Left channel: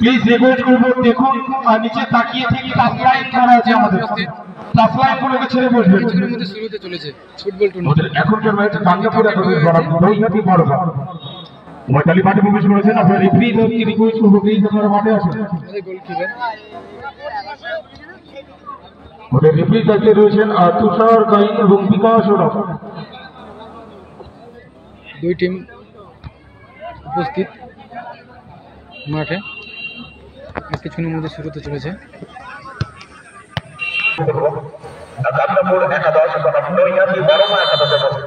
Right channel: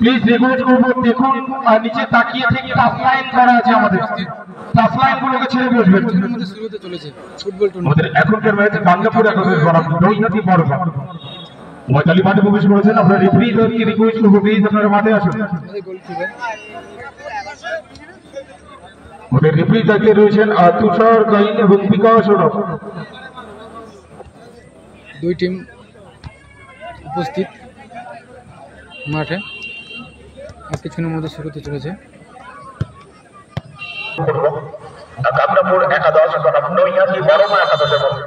Please request করবো, দেখুন নিচে তাকিয়ে থেকে টাচ লাইন করা আছে, আমাদের টাচ লাইন গুলোকে ছেড়ে বসবেন। শুরুতে চলেছে ফুটবল টুর্নামেন্ট। এখনকার ম্যাচ গাঙ্গাপুর নৈহাটি বড় ময়তালি মাঠে প্রবেশ করেছেন। আপনার রেফারিদেরকে রিকোয়েস্ট করবো, প্লিজ আপনারা মাঠে আসুন। ওদের রেফারি দায়িত্বে রয়েছেন তুষার গাইন এবং বিকাশ ওরফ। দুই টিম উপস্থিত মাঠে, আর কিছুক্ষণের মধ্যে শুরুতে চলেছে। গাঙ্গাপুর একাদশ বনাম নৈহাটি বড়মা একাদশের মধ্যে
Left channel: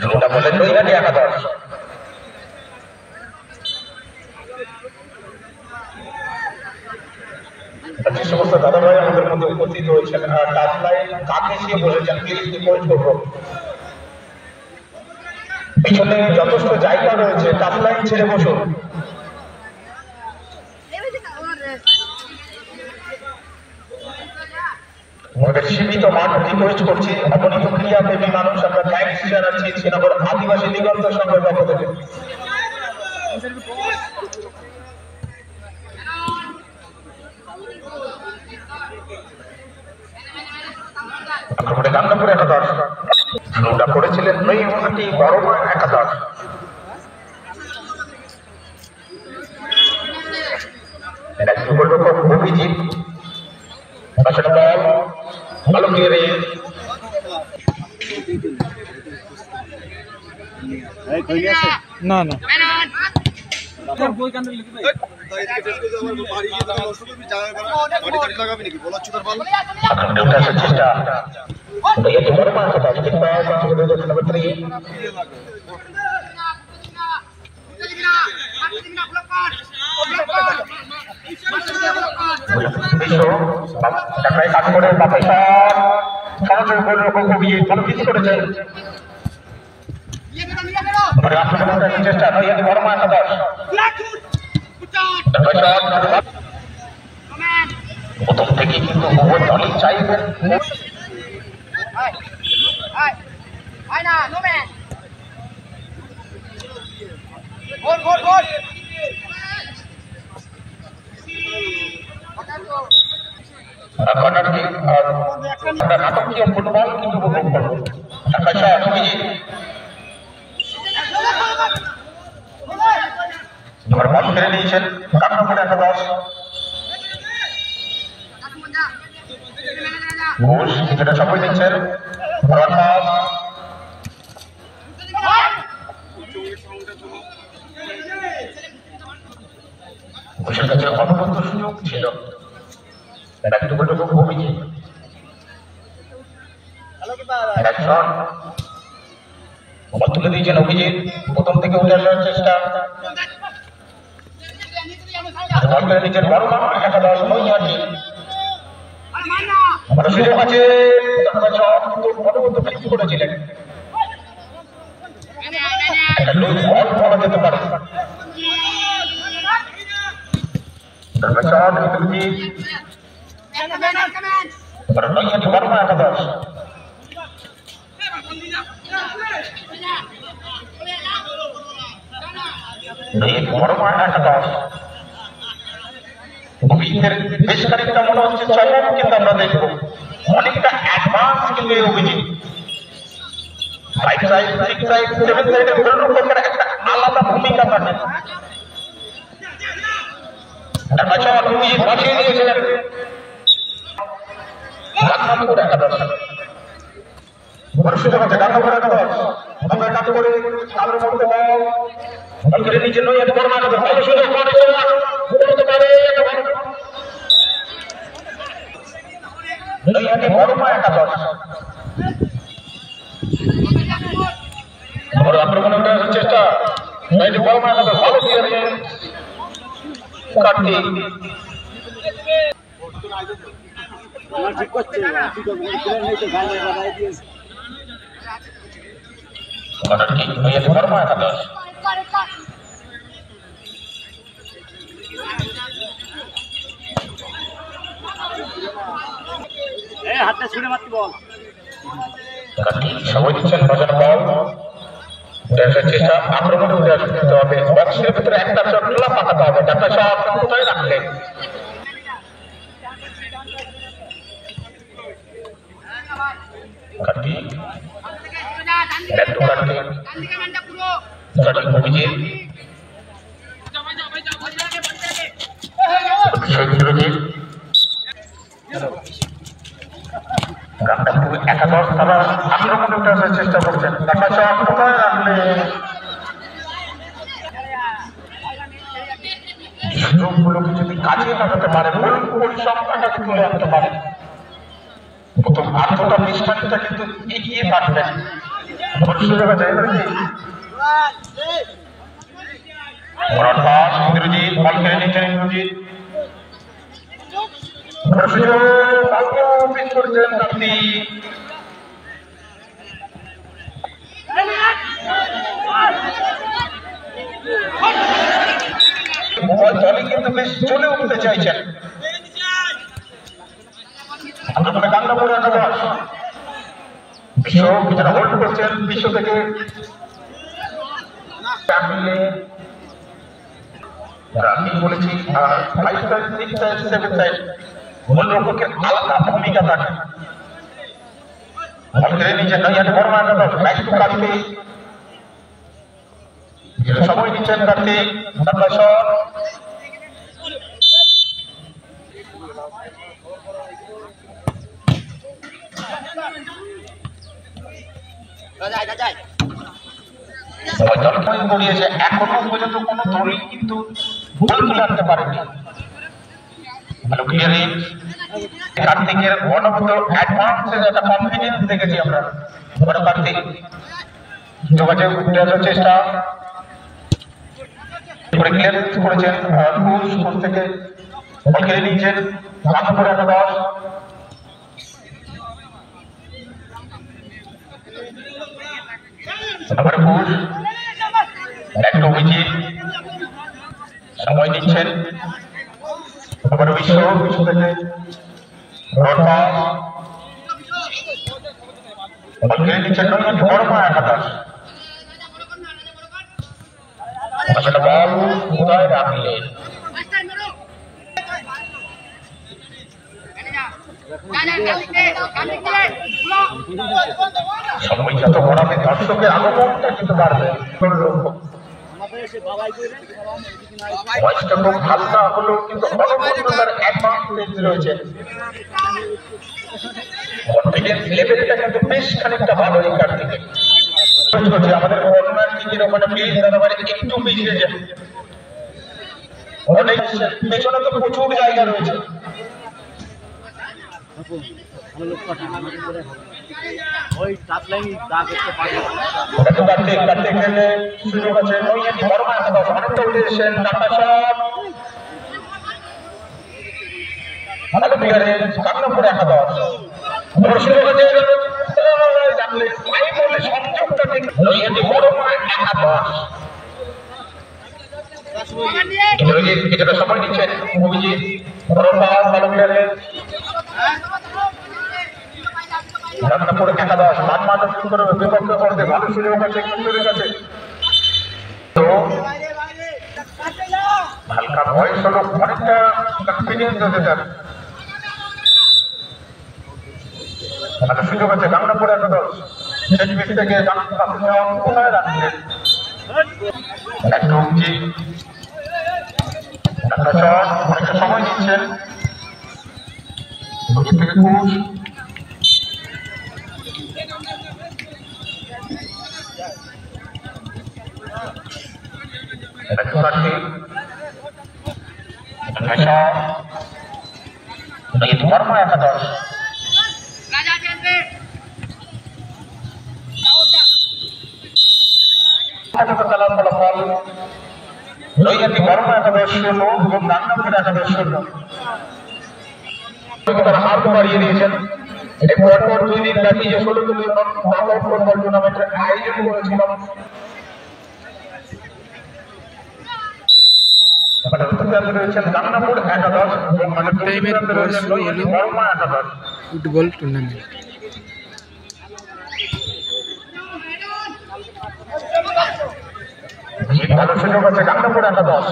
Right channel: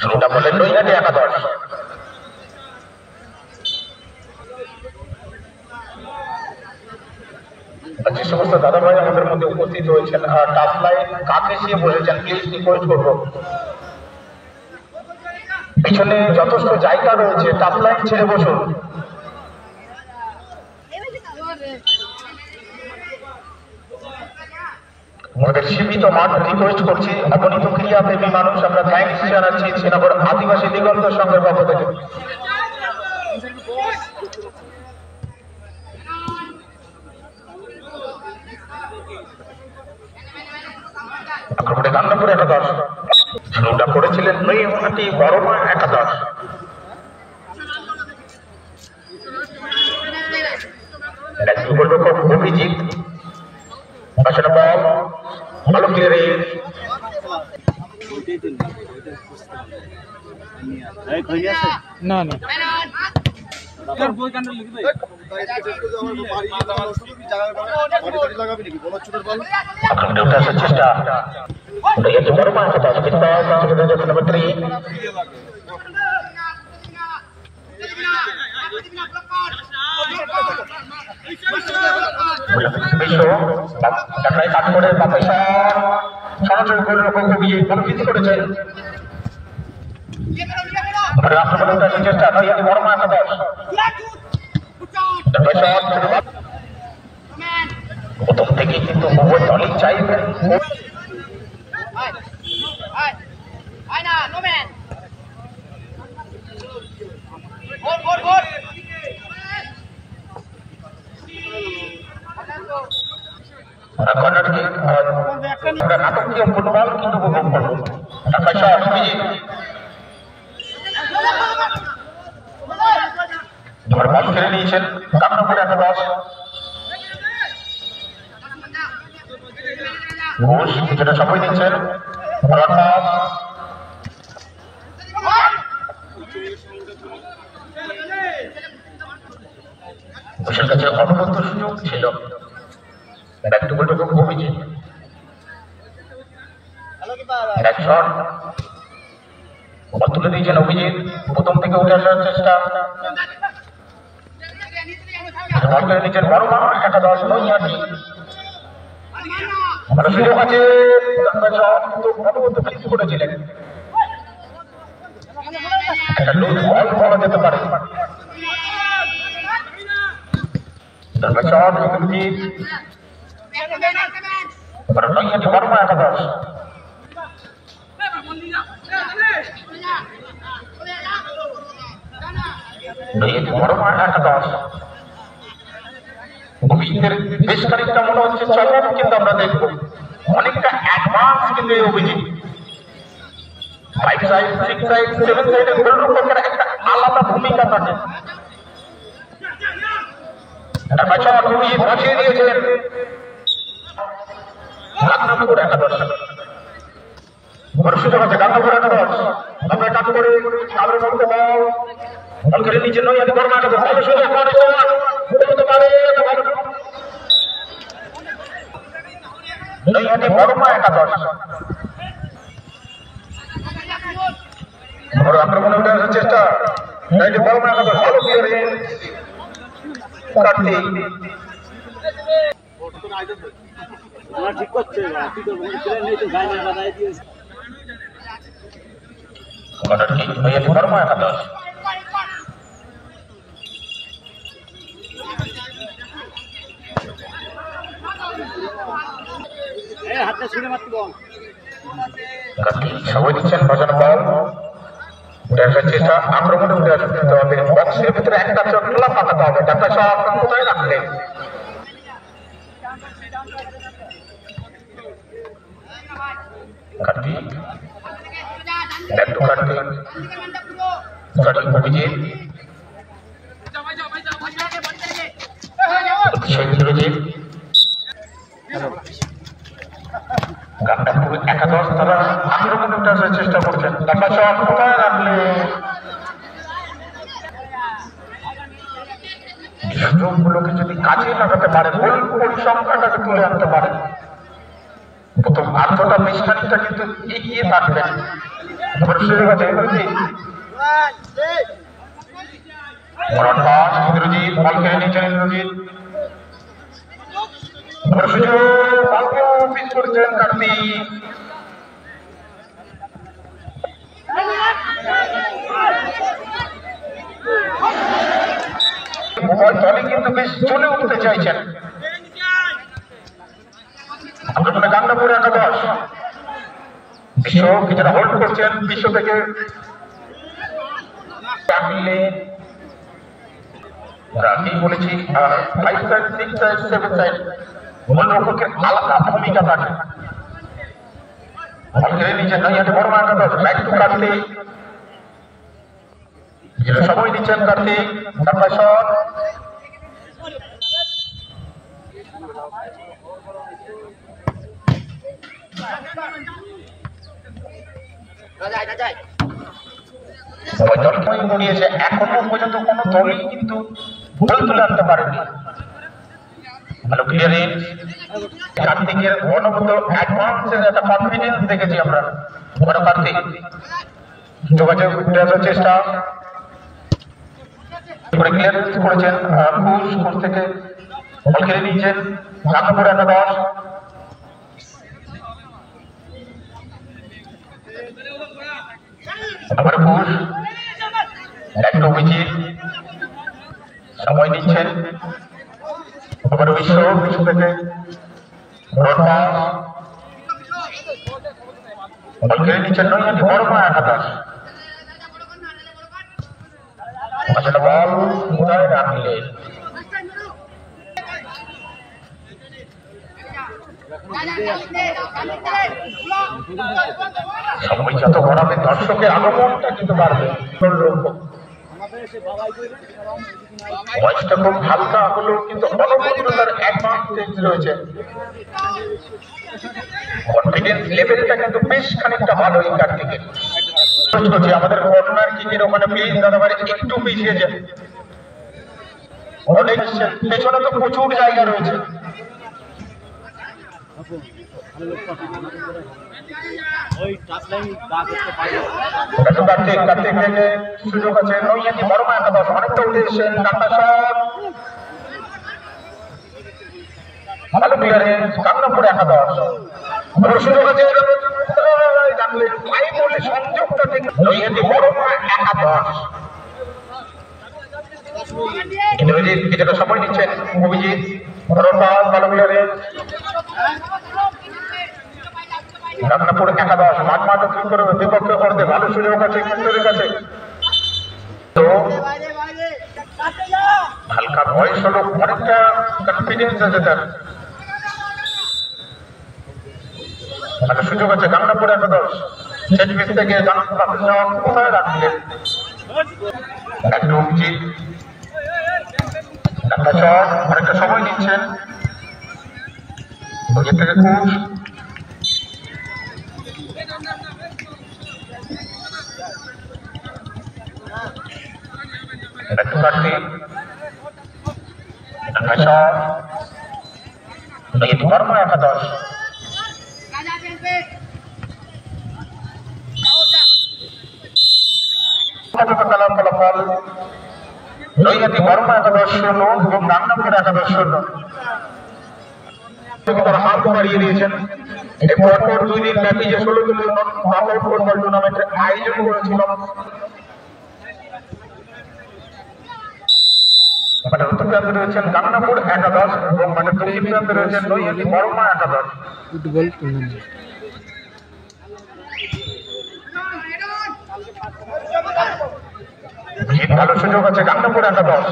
শুরুটা বলেন নৈহাটি একাদশ। যে সমস্ত দাদা ভাই আমাদের মধ্যে উপস্থিত হয়েছেন, টাচ লাইন কাকে এসে বসেছেন, প্লিজ রিকোয়েস্ট করবো পিছনে যথেষ্ট জায়গা রয়েছে, টাচ লাইন ছেড়ে বসুন। আমাদের সীমিত মাঠ রিকোয়েস্ট করছি, অবনীত ক্রিয়া প্রেমী মানুষ আমরা থ্যাঙ্কস জানাচ্ছি শ্রীনগর আদিবাসী দিগন্ত সংঘের পক্ষ থেকে। গাঙ্গাপুর একাদশ শুরুটা করেছিলেন নৈহাটি বড়মা একাদশ। অভিজিৎ ভালো ক্লিয়ারিং, না না চেষ্টা বড়মা একাদশ নাম্বার 3 কাজ করে করেছেন চেষ্টা নৈহাটি বড়মা একাদশ। প্রথম থেকে কিন্তু উভয় দলই চাইবেন নাটকীয় ফুটবল কিন্তু উপভোগ করবো। বল খেলে নিয়েছেন গাঙ্গাপুর একাদশ। ঘোষ কিছুটা সময় নিচ্ছেন, ঘোষের কাছে অনবরত সুযোগ ছিল, একটু অভিজিৎ তুলে দিয়েছেন। অভিজিৎ প্রথম থেকে উঠে আসার চেষ্টা, নিজের বড়মা একাদশ নৈহাটি সুযোগ আছে, করেছিলেন একটা লুজ বল পাওয়া যেতে পারে। নৈহাটি বড়মা একাদশ বড়মা একাদশ অভিজিতের বেশ খানিকটা মনে হচ্ছে চলন, কিন্তু আমরা দেখবো অনেকটা অ্যাডভান্স কিন্তু এই অভিজিৎ 5 সাইড 6 সাইড 7 সাইডে গোলরক্ষকের একটা আলাদা ভূমিকা থাকে। অভিজিৎ বসিয়ে দিয়েছিলেন গাঙ্গাপুর একাদশ। বড় সুযোগ আছে গাঙ্গাপুর একাদশ, আমরা কাজ করে তাদের মধ্যে বল করে নিচে নৈহাটি বড়মা একাদশ। ভালো সুযোগ হতে পারে নৈহাটি বড়মা একাদশ। আক্রমণে উঠে আসার চেষ্টা নৈহাটি বড়মা একাদশ, ভালো ক্লিয়ারিং কার্তিক। নৈহাটি বড়মা একাদশ হাতটা ছুঁড়ে মারতে বল, সবাই দিচ্ছেন বাজানো বল উঠে আসার চেষ্টা, আক্রমণে উঠে আসতে হবে, বক্সের ভিতরে একটা চটলা পাকাতে হবে। ডাক্তার সাহেব আপনার কোথায় রাখলেন? কার্তিক, একটু কার্তিক, সঠিক অভিজিৎ, সুরজিৎ, গান্ডাপুর একাদশ তারা আক্রমণে উঠে আসার চেষ্টা করছেন। ডাক্তার সাহেব কোথায় রাখলেন? সুযোগগুলোকে যদি কাজে লাগাতে পারে, গোল পরিসংখ্যানটাকে তুলে আনতে পারে, প্রথম আর্ধটা মিশখানিকটা কিন্তু এগিয়ে থাকবেন। ইন্দ্রজিৎ বল কেড়ে নিচ্ছেন। ইন্দ্রজিৎ করেছেন কার্তিক। দলে কিন্তু বেশ চলে উঠতে চাইছেন। গান্ডাপুরে একাদশ বিশ্ব কিছুটা হোল্ড করছেন। বিশ্ব থেকে বলেছি 5 সাইড 6 সাইড 7 সাইড গোলরক্ষকের আলাদা ভূমিকা থাকে। নিজে নৈহাটি বর্মা একাদশ ব্যাক টু কার্তিক, সময় দিচ্ছেন কার্তিক। তারপর শট গড়িয়েছে। এখনো পর্যন্ত কোন দলই কিন্তু গোল তুলে আনতে পারেনি। ভালো ক্লিয়ারেন্স, কার্তিকের অনবরত অ্যাডভান্সের একটা কনফিডেন্স দেখেছি আমরা। বড় কার্তিক যোগাযোগ উঠে আসার চেষ্টা করে ক্লিয়ারেন্স করেছেন। কোচ থেকে বল কেড়ে নিয়েছেন। গান্ডাপুর একাদশ আবার কোচ একটা অভিজিৎ সময় দিচ্ছেন। আবার বিশ্ব থেকে বল কেড়ে নিচ্ছেন। নৈহাটি বর্মা একাদশ আসলে বল কোথায় রাখলেন? সময় যত গড়াবে দর্শকের আগমনটা কিন্তু বাড়বে। বয়সটা খুব হালকা হলেও কিন্তু অনবরতার অ্যাডভান্টেজ রয়েছে। কনফিডেন্স লেভেলটা কিন্তু বেশ খানিকটা ভালো এই কার্তিকের। আমাদের কর্নার কিংয়ের ওখানে প্লিজ দাদা ভাই একটু পিছিয়ে যান। অনেক পেছনে তো প্রচুর জায়গা রয়েছে। সুযোগ আছে। নৈহাটি বর্মা একাদশ অনেকটা উঠে এসেছেন। ডাক্তার সাহেব ভালো ক্লিয়ারেন্স। গান্ডাপুর একাদশ সুযোগ আছে। সংযোগটা ঠিক। নৈহাটি বর্মা একাদশ ইন্দ্রজিৎ কিছুটা সময় নিচ্ছেন। অভিজিৎ ভালো ক্লিয়ারেন্স। গান্ডাপুর একাদশ মাঝমাঠে করে বিপক্ষে করতে ভালো সুযোগ আছে কেন্দ্রের কাছে। তো হালকা বয়স হলো, অনেকটা কনফিডেন্স আছে তার। ভালো সুযোগ আছে। গান্ডাপুর একাদশ শেষ পিস থেকে কোথায় রাখলেন? একটু অভিজিৎ অনেকটা সময় নিচ্ছেন। থেকে কোচ বর্মা একাদশ ফলাফল নৈহাটি বর্মা একাদশ 0 এবং গান্ডাপুর একাদশ 0। তারা হার বাড়িয়ে দিয়েছেন। পরপর 2 দিন ব্যাপী যে 16 দলীয় নকআউট ফুটবল টুর্নামেন্টের আয়োজন করেছিলাম, রয়েছেন গান্ডাপুর একাদশ এবং বর্মা একাদশ ফুটবল টুর্নামেন্ট। ভালো সুযোগ আছে গাঙ্গাপুর একাদশ।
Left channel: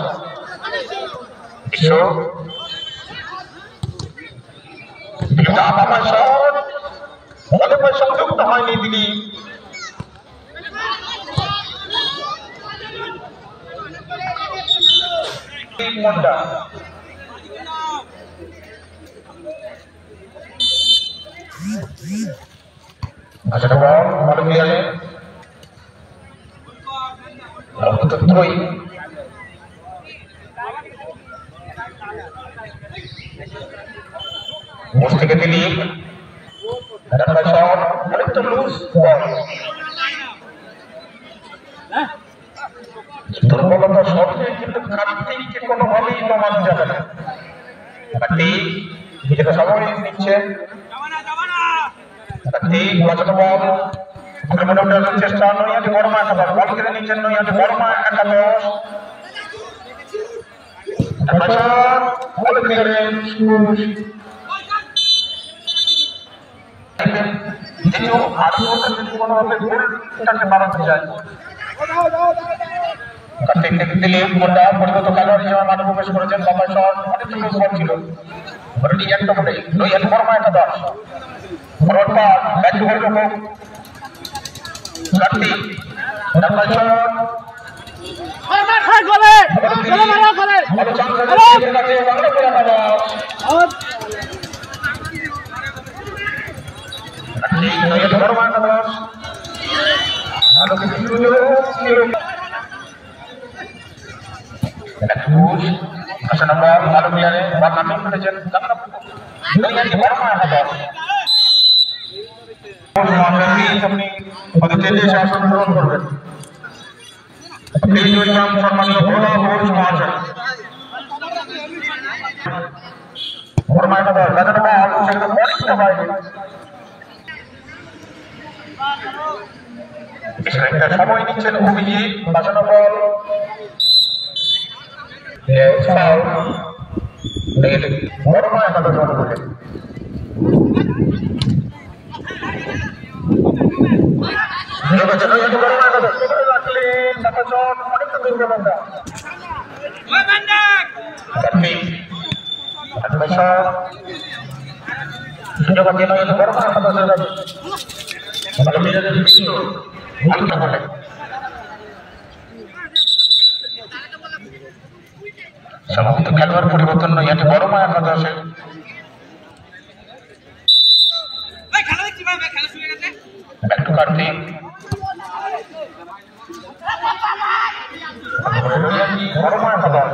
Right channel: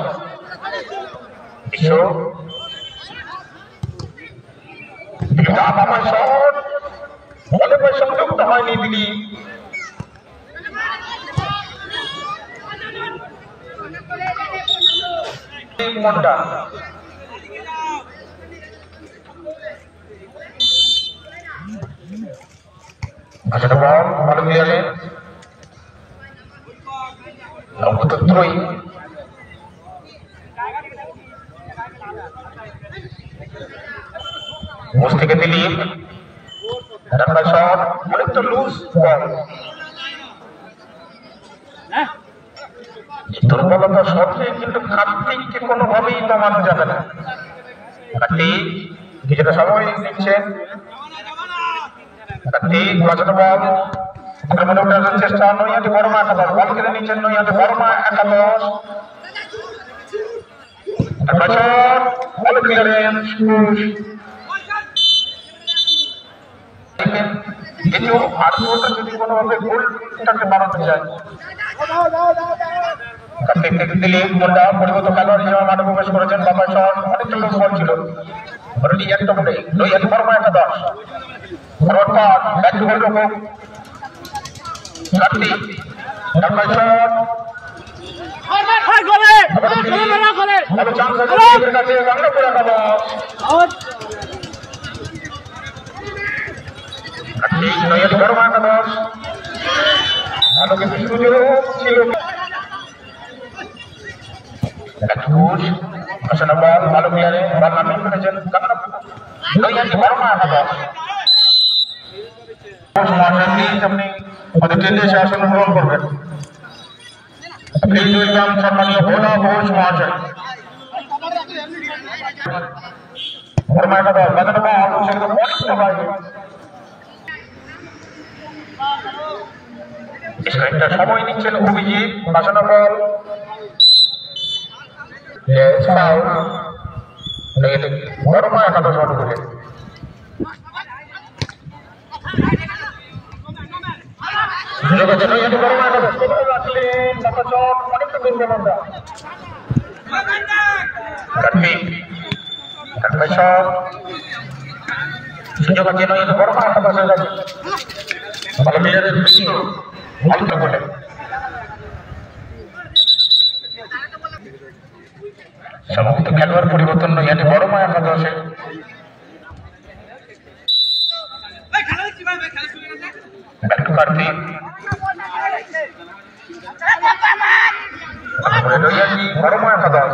বিশ্ব আমার শট বলের সংযুক্ত হয়নি তিনি। মন্ডা আচ্ছা বল ভালো খেলে ত্রয়ী বস থেকে দিলীপ শট অনেকটা লুজ বল। দুর্বলতা সত্ত্বেও কিন্তু কার্তিককে কোনোভাবেই নামানো যাবে না। কার্তিক কিছুটা সময় নিচ্ছে। কার্তিক বাঁচানো বল আক্রমণে ওঠার চেষ্টা। নৈহাটি বর্মা একাদশ বল কেড়ে নিচ্ছেন। নৈহাটি বর্মা একাদশ বল ক্লিয়ারেন্স। দ্বিতীয় আত্মহত্যা যদি কোনোভাবে গোলটাকে বাড়াতে যায়। কার্তিক থেকে দিলীপ মুন্ডা পরিবর্ত খেলোয়াড় হিসেবে মাঠে প্রবেশ করেছেন। বাবা শট অনেকটা লোক বল ছিল। একটা বলে নৈহাটি বর্মা একাদশ ব্যাট টু বল রকম কার্তিক ভালো চান্স আছে গাঙ্গাপুর একাদশ। নৈহাটি বর্মা একাদশ ভালো কিছু সুযোগ ছিল। ভালো প্লেয়ারে বল নামিয়ে ফেলেছেন নৈহাটি বর্মা একাদশ। আপনি আমাদের ট্রেনে এসে আসন গ্রহণ করবেন। সম্মানীয় ভোলা বোস মহাশয় বর্মা একাদশ বেচানো বল সেরকম অনেকটা বাইরে। একটা সময় নিচ্ছেন অভিজিৎ বাঁচানো বল বর্মা একাদশ অনুকূলে। সুযোগ আছে বর্মা একাদশ হয়ে গেছে। ভালো প্লেয়ারের বিশ্ব ভালো বলে সমস্ত খেলোয়াড় পরিবর্তন নৈহাটি বর্মা একাদশে। কার্তিক নৈহাটি বর্মা একাদশ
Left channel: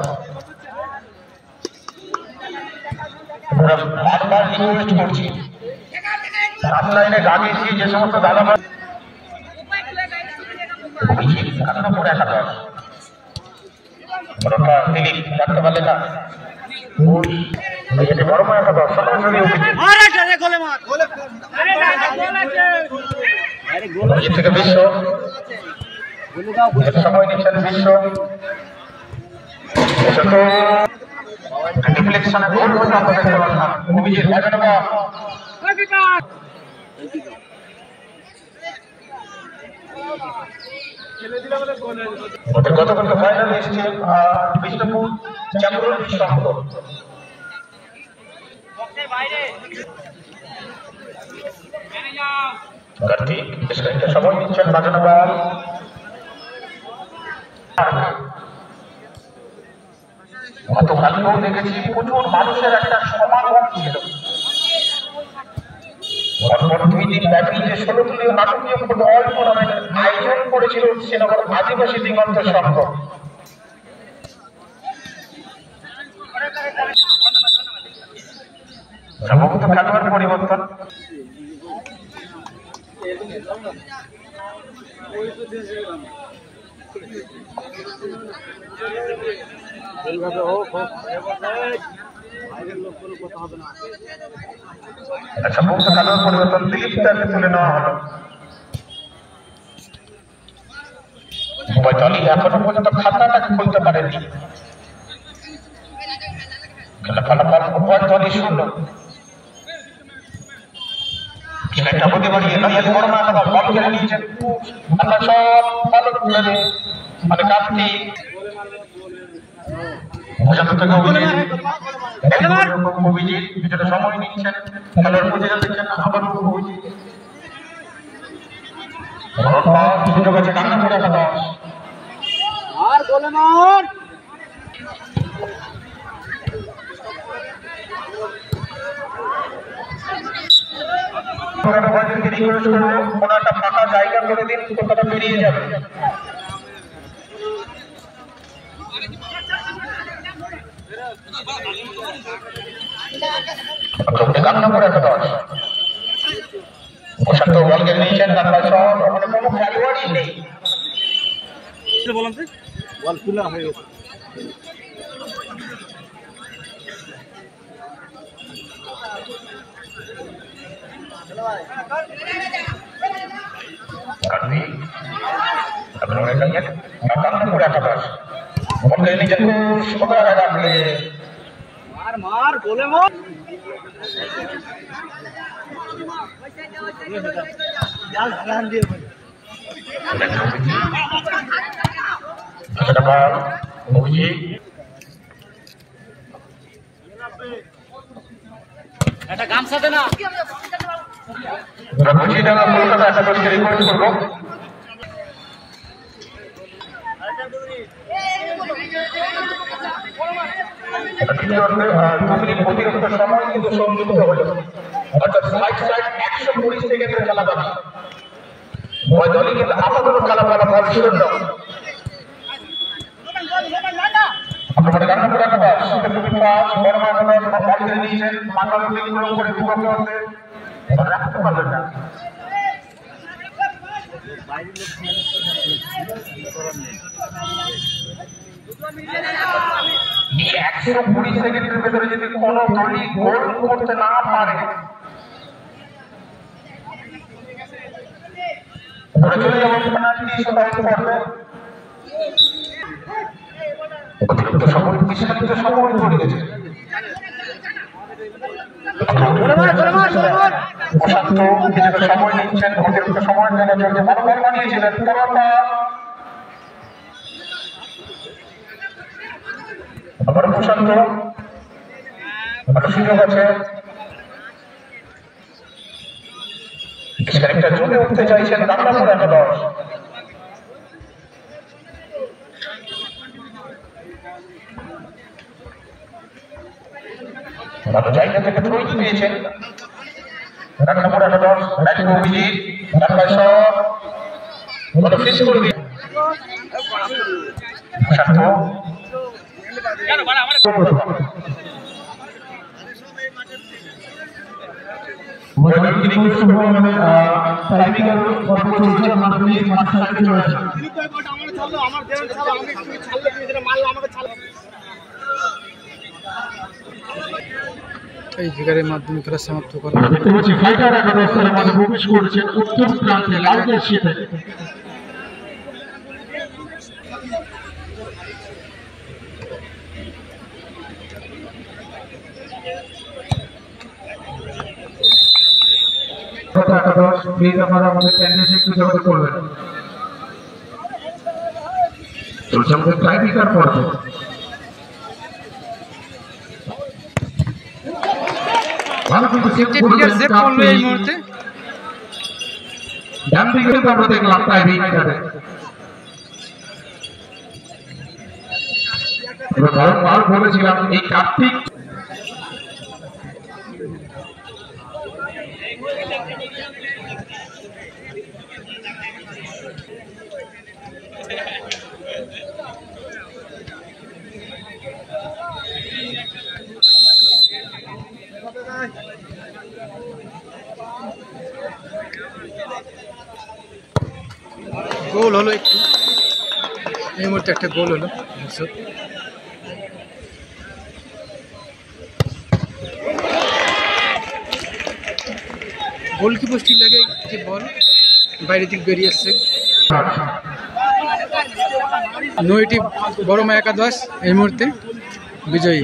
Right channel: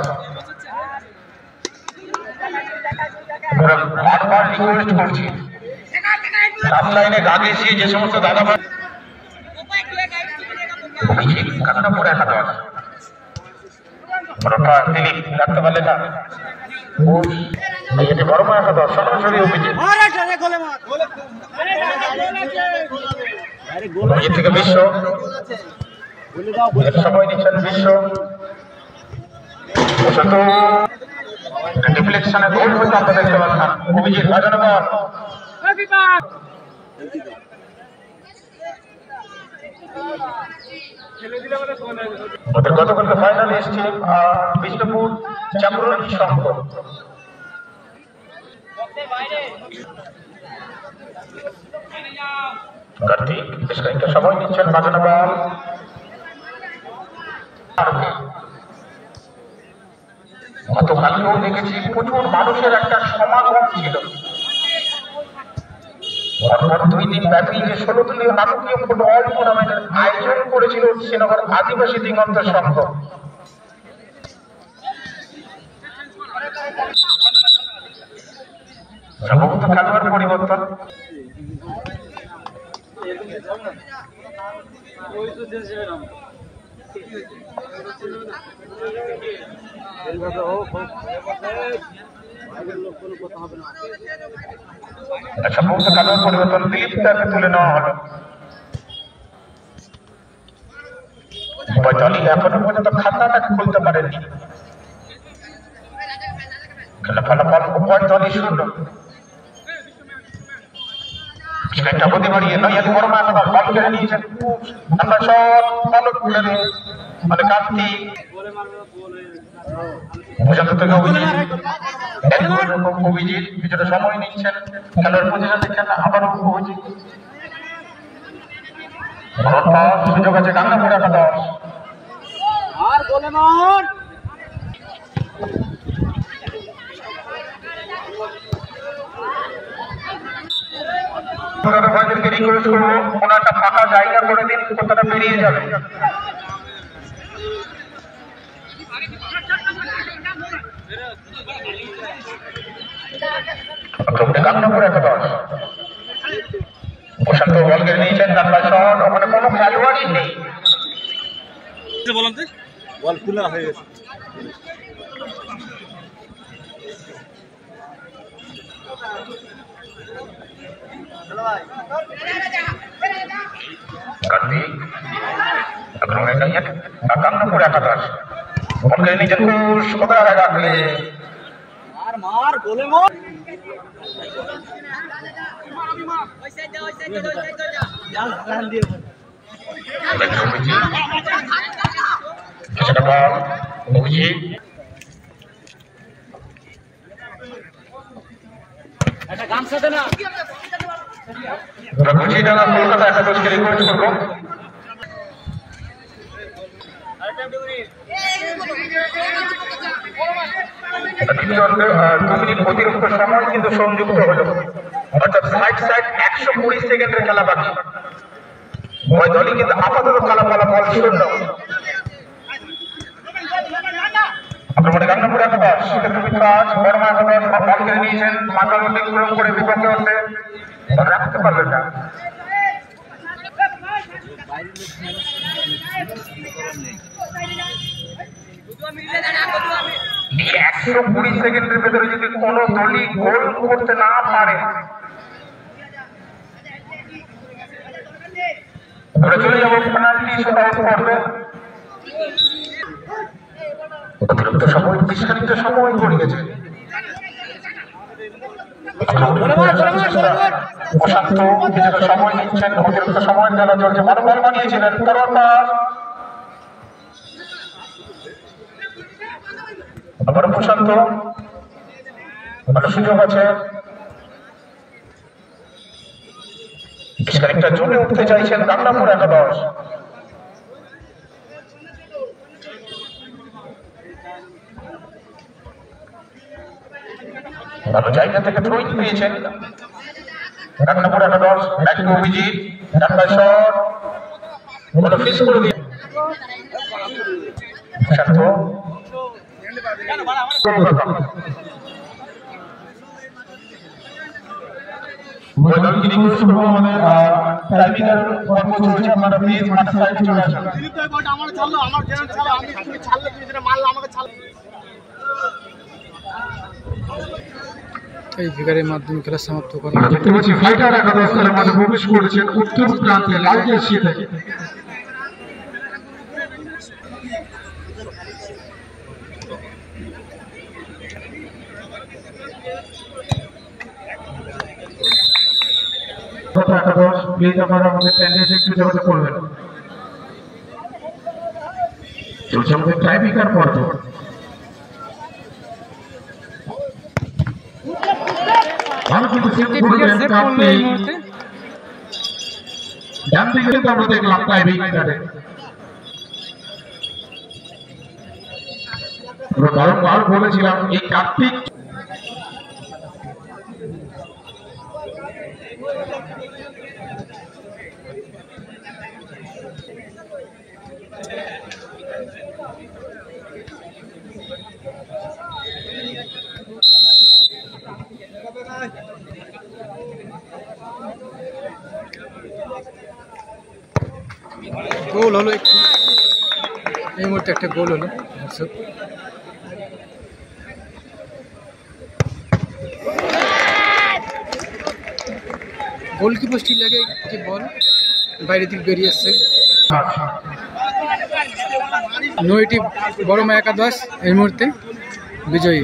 বারবার রিকোয়েস্ট করছি লাইনে গান এসে যে সমস্ত দাদা ভাই গাঙ্গাপুর একাদশ তিনি রাখতে পারলেন না। বর্মা একাদশ সরাসরি অভিজিৎ থেকে বিশ্ব সময় নিচ্ছেন বিশ্ব ডিফ্লেকশনে গোল হতে আমরা দেখতে পাবো না। অভিজিৎ বাজানো বল গতকালকে ফাইনালে এসছে বিষ্ণুপুর চামরুল সংঘ। কার্তিক বেশ খানিকটা সময় নিচ্ছেন বাজানো বল গতকালকেও দেখেছি প্রচুর মানুষের একটা সমাগম ছিল। পরপর 2 দিন ব্যাপী যে 16 দলীয় নাটকীয় ফুটবল টুর্নামেন্টের আয়োজন করেছিল শ্রীনগর আদিবাসী দিগন্ত সংঘ। সম্ভবত খেলোয়াড় পরিবর্তন সম্ভবত খেলোয়াড় পরিবর্তন দিলীপকে তুলে নেওয়া হলো। দলই এখনো পর্যন্ত খাতাটাকে খুলতে পারেনি। খেলা ফলাফল উভয় দলই শূন্য। একটা প্রতি বাড়িয়ে নৈহাটি বর্মা একাদশ বল কেড়ে নিয়েছেন আমরা সব ভালো তুলে মানে কাটতি প্রশান্ত থেকে অভিজিৎ কিছুটা সময় নিচ্ছেন খেলার পজিশন দেখছেন আবারও অভিজিৎ সুযোগ আছে ডাঙ্গাপুর একাদশ ভাইদেরকে রিকোয়েস্ট করবো ওনারটা ফাঁকা জায়গা করে দিন তারা বেরিয়ে যাবে ডাঙ্গাপুর একাদশ প্রশান্ত বল কেড়ে নিয়েছেন ডান্ডা শট ওখানে কোনো খেলোয়াড়ই নেই বল খোলা হয়ে গেছে কার্তিক ডাঙ্গাপুর একাদশ বল কেড়ে নিয়েছেন ঘোষ কোথায় রাখলে মার গোলে মার একটা গামছা দে না কলকাতা একাদশকে রিকোয়েস্ট করবো অতিরিক্ত সময় কিন্তু সংযুক্ত হলো অর্থাৎ 120 সেকেন্ডের খেলা বাকি উভয় দলই কিন্তু আপাতত খেলা ফলাফল শূন্য আপনার গান্নাপুর একাদশ কাজ বর্মা একাদশ বল কেড়ে নিয়েছেন মাথা অতিক্রম করে বিপক্ষে হতে রাখতে পারবেন না 120 সেকেন্ডের ভেতরে যদি কোনো দলই গোল করতে না পারে চলে যাবো পেনাল্টি অতিরিক্ত সময় বিস্তারিত সময় পড়ে গেছে প্রশান্ত কিছুটা সময় নিচ্ছেন অতিরিক্ত সময় যারা চলছে ভালো বল বানিয়েছিলেন আবার প্রশান্ত ভালো সুযোগ আছে একটা জমে উঠতে চাইছেন গান্নাপুর একাদশ ভালো জায়গা থেকে থ্রোইং পেয়েছেন গান্নাপুর একাদশ ব্যাটিং অভিজিৎ ডান্ডা শট ভালো ফিস করে দিয়ে প্রশান্ত এই ফিগারের মাধ্যমে খেলা সমাপ্ত করা দেখতে পাচ্ছি ফাইটার একাদশ দলের মাঝে প্রবেশ করেছেন উত্তর প্রান্তে লাল জার্সি থেকে একাদশ প্লিজ আপনারা আমাদের প্যান্ডেল একটু যোগাযোগ করবেন চলছে আমাদের টাইপিকার পর্ব ভালো কিন্তু সেভ করলো এই মুহূর্তে ডান দিকে কিন্তু আমরা দেখলাম টাইপিকারে আমরা বারবার বলেছিলাম এই কার্তিক গোল হলো একটু এই মুহূর্তে একটা গোল হলো দর্শক গোলকিপার স্টিল লাগে যে বল বাইরের দিক বেরিয়ে আসছে নয়টি বড়মা একাদশ এই মুহূর্তে বিজয়ী।